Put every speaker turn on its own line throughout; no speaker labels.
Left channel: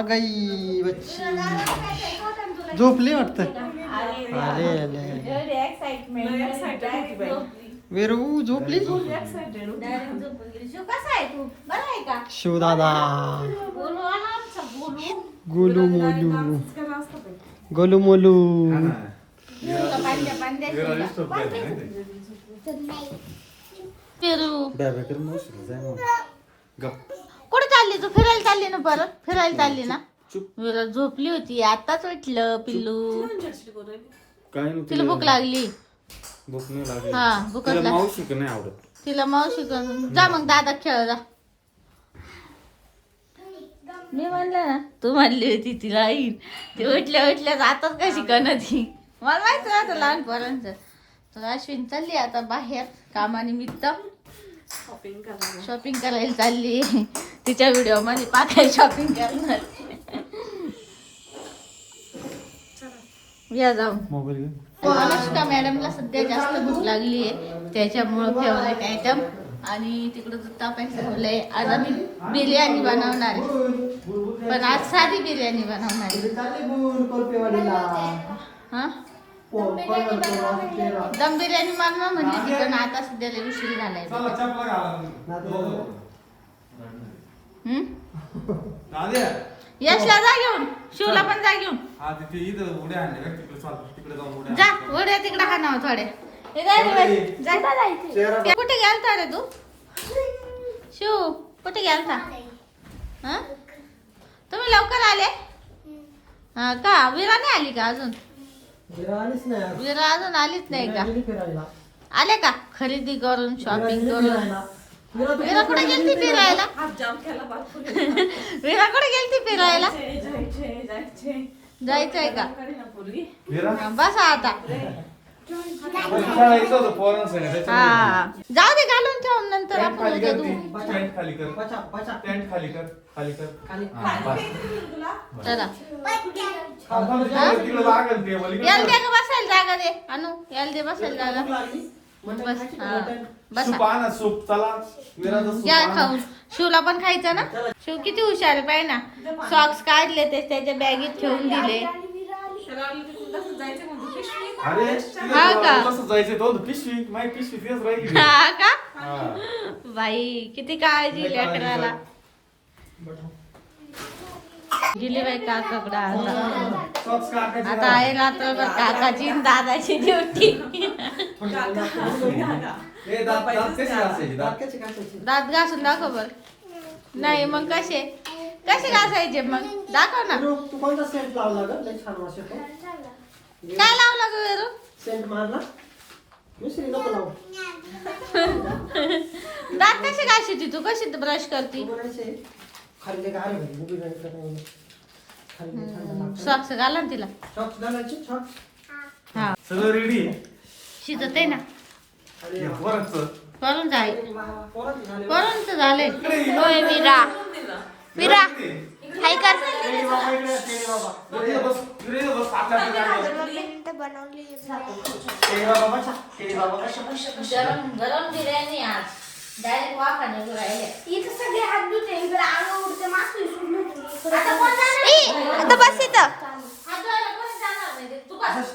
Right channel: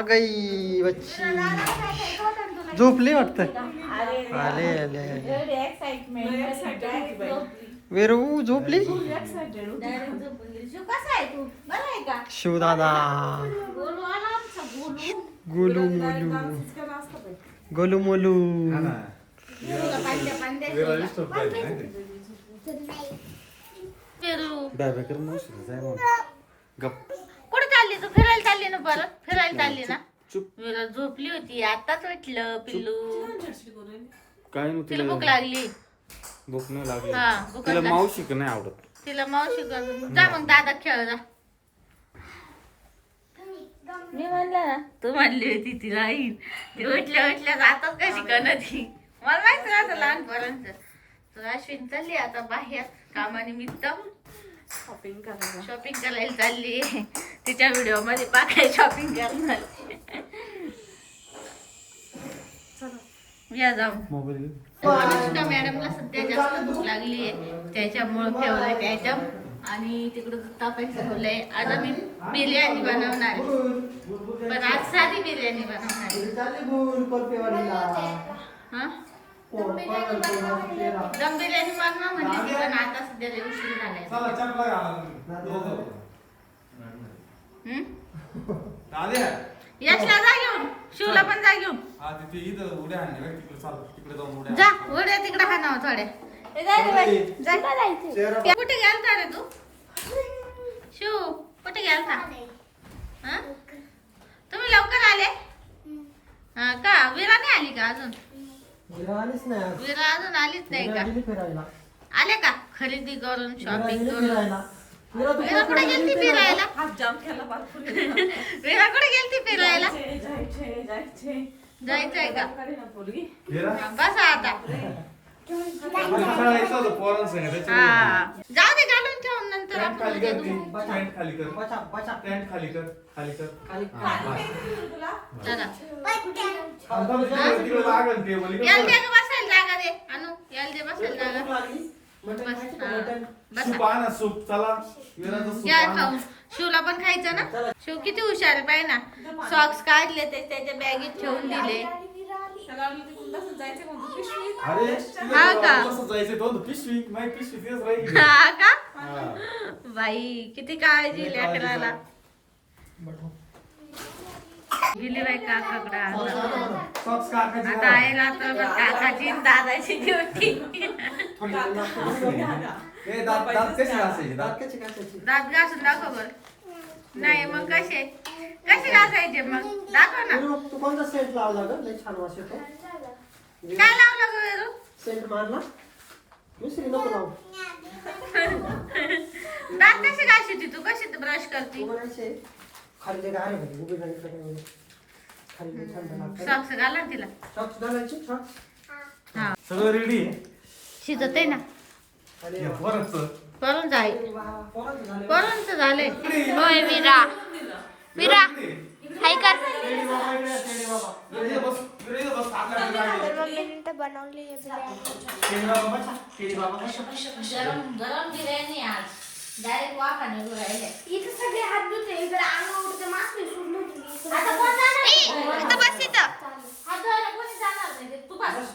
गाई बच्ची. झोपली वाटत? आले आले आले वेरू झोपली? शिवदादा. गोलू मोलू. गोलू मोलू.
पेरू
डाव्याकडे मावशी जाय मग. गप.
कुठे चालली तू? फिरायला परत फिरायला चालली ना?
चुप
झोपली होती. आताच उठलं पिल्लू.
काय
तिला
नव्हतं
भूक लागली.
भूक नाही लागली.
हा भूक
तिला मावशी का नाही आवडत.
तिला मावशी करून जा मग दादा खेळ जा. मी म्हणलं ना तू म्हणली होती तिला येईल ती उठल्या उठल्या जातच कशी ती मला माहिती राहतं लहानपणांचं. तर अश्विन चालली आता बाहेर. कामानिमित्त. शॉपिंग करायला चालली. तिच्या व्हिडिओमध्ये पाकाय शॉपिंग करणार. या जाऊ. अनुष्का मॅडमला सध्या जास्त भूक लागली आहे. त्याच्यामुळे ते आयटम आणि तिकडं तापायचं ठेवलंय. आज आम्ही बिर्याणी बनवणार आहे. पण आज साधी बिर्याणी बनवणार आहे. हा? दम बिर्याणी बनवा म्हणजे तिथं आता सध्याला उशीर झालाय. हम्म? यशला जा घेऊन. शिवला पण जा घेऊन.
हा तिथे इथं उड्या आणल्या का तिकडे चाल तिकडे जाऊन उड्या
जा उड्या तिकडे हाणावं थोड्या. जा. ते कुठे गेलता रे तू? शिव कुठे गेलता? हा? तुम्ही लवकर आले? हा का? विरा नाही आली का अजून? विरा अजून आलीच नाही का? आले का? खरेदी करून शॉपिंग करून? विरा कुठे गेलती फिरायला? विरा कुठे गेलती फिरायला?
जायचे जायचे
जायचंय का? बसा आता. हा. जाऊ दे घालून ठेवून नंतर आपण
खाली
उद्या
कर
धुवू.
ती. पॅन्ट खाली कर. पॅन्ट खाली कर. खाली कर. बस.
चला. याला. दे गं बसायला जागा दे. अनु याला दे बसायला जागा. बस हा.
सूप
बसा.
आणा सूप. चला विराचं सूप
या
आणा.
खाऊन. शिवला पण खायचं ना? शिव किती हुशार आहे पाहिजे ना सॉक्स काढले ते त्याच्या बॅगेत ठेवून दिले. हा का?
कसं जायचं पिशवी? माझी पिशवी तेच राहील
हा का?
हा.
बाई किती काळजी दिली अकराला दिली बाई काकाकडे आता. आता आहे रात्रभर काकाची आणि दादाची ड्युटी.
दात कसे
घासून दाखव बर. नाही मग कसे? कसे घासायचे मग? दाखव ना.
तू कोणता सेंट लावला ग? लय छान वास येतो.
काय लावलं ग वेरू
सेंट मारला? दुसरी नको लावू.
दात कसे घासायची तू? कशी ब्रश करते?
खाली ते गारे भाई बुबी नाही इकडे काय खाली ते थंड लागतं.
सॉक्स घाला ना तिला.
सॉक्स घालायचे सॉक्स
हा.
सगळं रेडी आहे?
शिजत आहे ना.
आणि
या पोरांचं.
करून जाय.
पोराचं झाले.
करून तर झाले
होय विरा हाय कर.
बाबा इकडे बाबा.
बस, बस, आता
बनवली आहे बिर्याणी.
केळी बाबा बसा केळी बाबा बसा
गरम गरम बिर्याणी आज. डायरेक्ट राहिले.
इथं सगळे हात धुते इकडे अंग उडते मासे सोडून इथं बस इथं.
तू बस.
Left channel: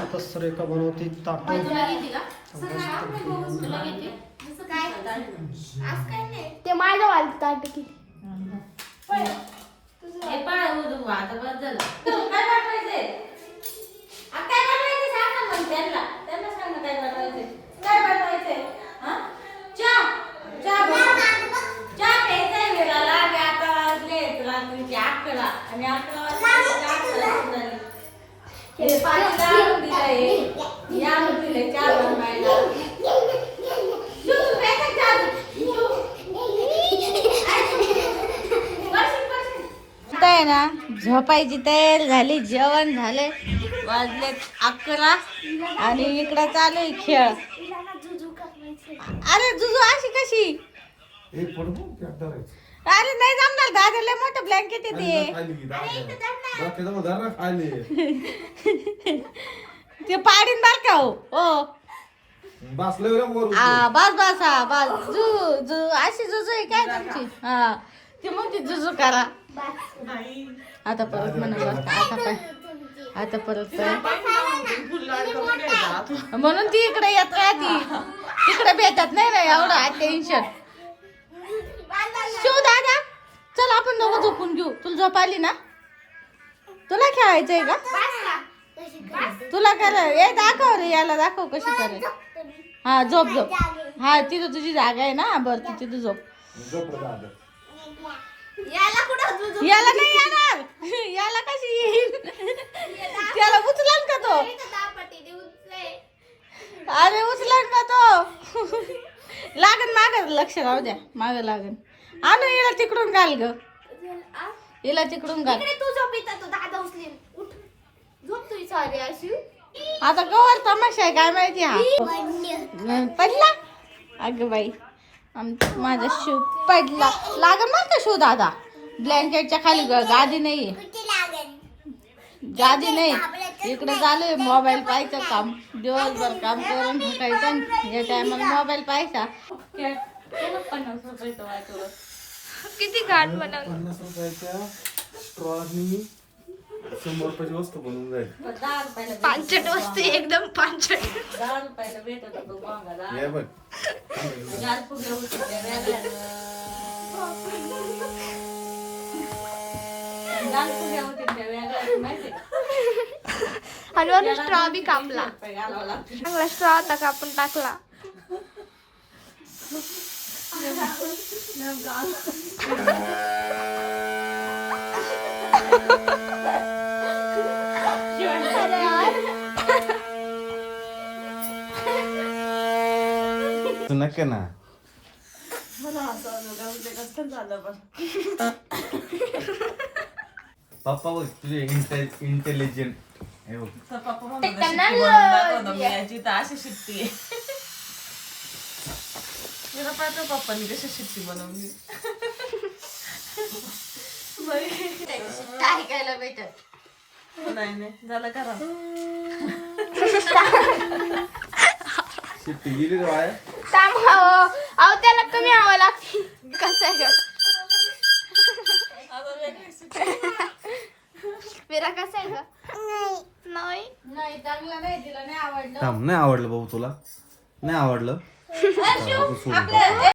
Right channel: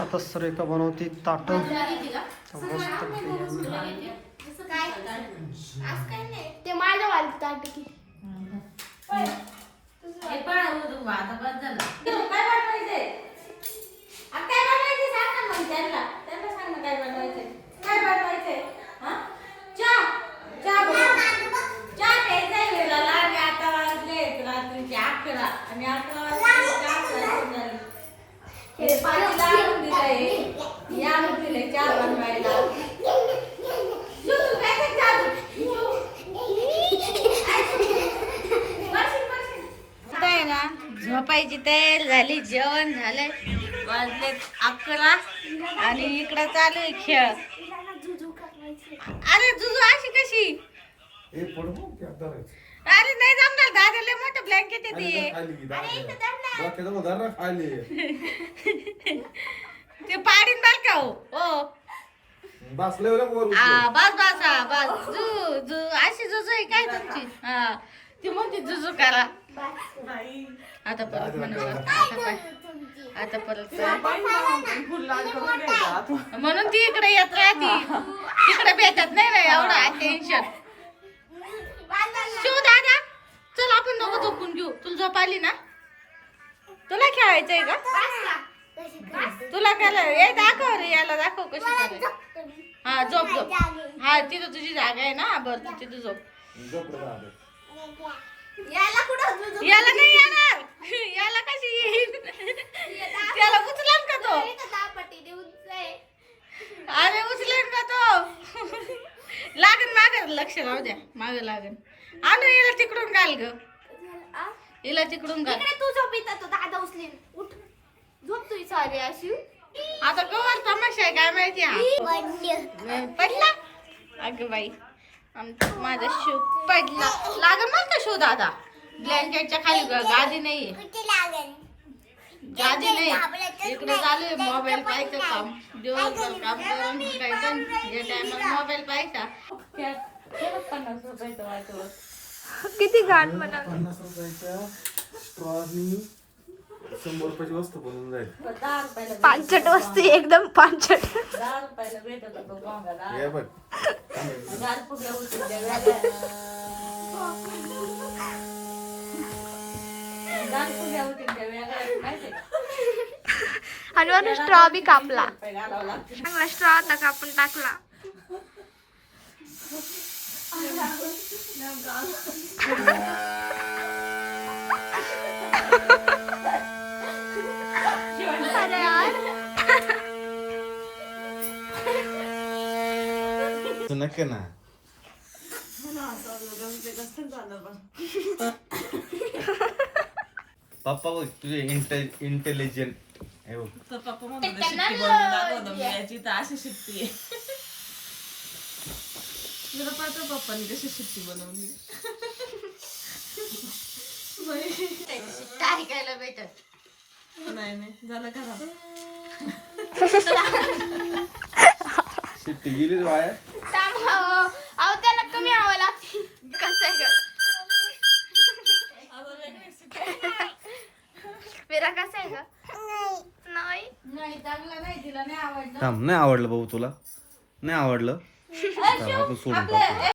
आता सुरेखा बनवती ताट.
तुला घेते का?
ते माझं वाल ताट की.
हे पाय उदू बा, आता बस झालं. काय बनवायचंय? आ, काय बनवायचंय सांग ना मग त्यांना. त्यांना सांग ना काय बनवायचंय. काय बनवायचंय? हा? चहा. चहा बनव. चहा प्यायचाय वेळेला. आणि आता वाजलेत रात्रीचे अकरा. आणि अकरा वाजता चहा प्यायची झाली. हे पाणी आणून दिलंय. हे आणून दिलंय चहा बनवायला. आता आहे ना झोपायची तयारी झाली जेवण झाले वाजले अकरा आणि इकडं चालू आहे खेळ अरे जुजू अशी कशी
पडू.
अरे नाही जमणार दादाला मोठं ब्लँकेट
खाली.
ते. पाडीन बाल का हो. आ, बस बस हा बस. जू जू अशी जुजू आहे काय तुमची? हा. ती म्हणते जुजू करा. आता परत म्हणा आता परत. म्हणून ती इकडे येत राहती. तिकडे भेटत नाही ना एवढं टेन्शन झोप आली ना? तुला खेळायचंय का? तुला करा ए दाखव रे याला दाखव कशी करायची हा झोप झोप. हा तिथं तुझी जागा आहे ना? बरं तू तिथं झोप.
याला कुठं?
याला नाही येणार. याला कशी येईल? त्याला उचलाल का तो. अरे उचलाल का तो? लागन माग लक्ष राहू द्या. माग लागन. आणू हिला तिकडून घाल ग? हिला तिकडून घाल.
इकडे तू झोप इथं तो दादा उचलीन उठ. झोप तू सॉरी अशी.
आता गवर तमाशा आहे काय माहिती हा? पडला? अगं बाई. आमचा माझा शू पडला. लागन मग का शू दादा. ब्लँकेटच्या खाली ग- गादी
कुठे लागेल?
गादी नाही. इकडे चालू आहे मोबाईल पाहायचं काम. दिवसभर काम करून भेटायचं. या टायमाला मोबाईल पाहायचा.
किती घाण बनवलं
पन्नास रुपयाच्या स्ट्रॉनी शंभर रुपयाची वस्तू बनवून जाईल
दहा रुपयाला
पांचट वस्तू एकदम पांचट
दहा रुपयाला भेटत होतो कोंबडा.
हे बघ
दहा वेगळ्या. दहा वेगळ्या. माहिती
वरून स्ट्रॉ बी कापला
रुपये घालावं लागतं.
चांगला स्ट्रॉ आता कापून टाकला
नक्की ना. पप्पा बघ तुझे इंटेलिजंट हे
पप्पा म्हणत होते, शिट्टी बनवून दाखव ना. मी याची तर अशी पाहतो पप्पांनी कशी शिट्टी बनवली
भेटत.
नाही नाही. झालं करा
शिट्टी गेली
हो. अहो त्याला तुम्ही हवं लागते. कसं आहे कसं आहे का नाही.
नाही चांगलं नाही तिला नाही आवडलं.
थांब नाही आवडलं भाऊ तुला. नाही आवडलं. चला, आपण सोडून टाकू.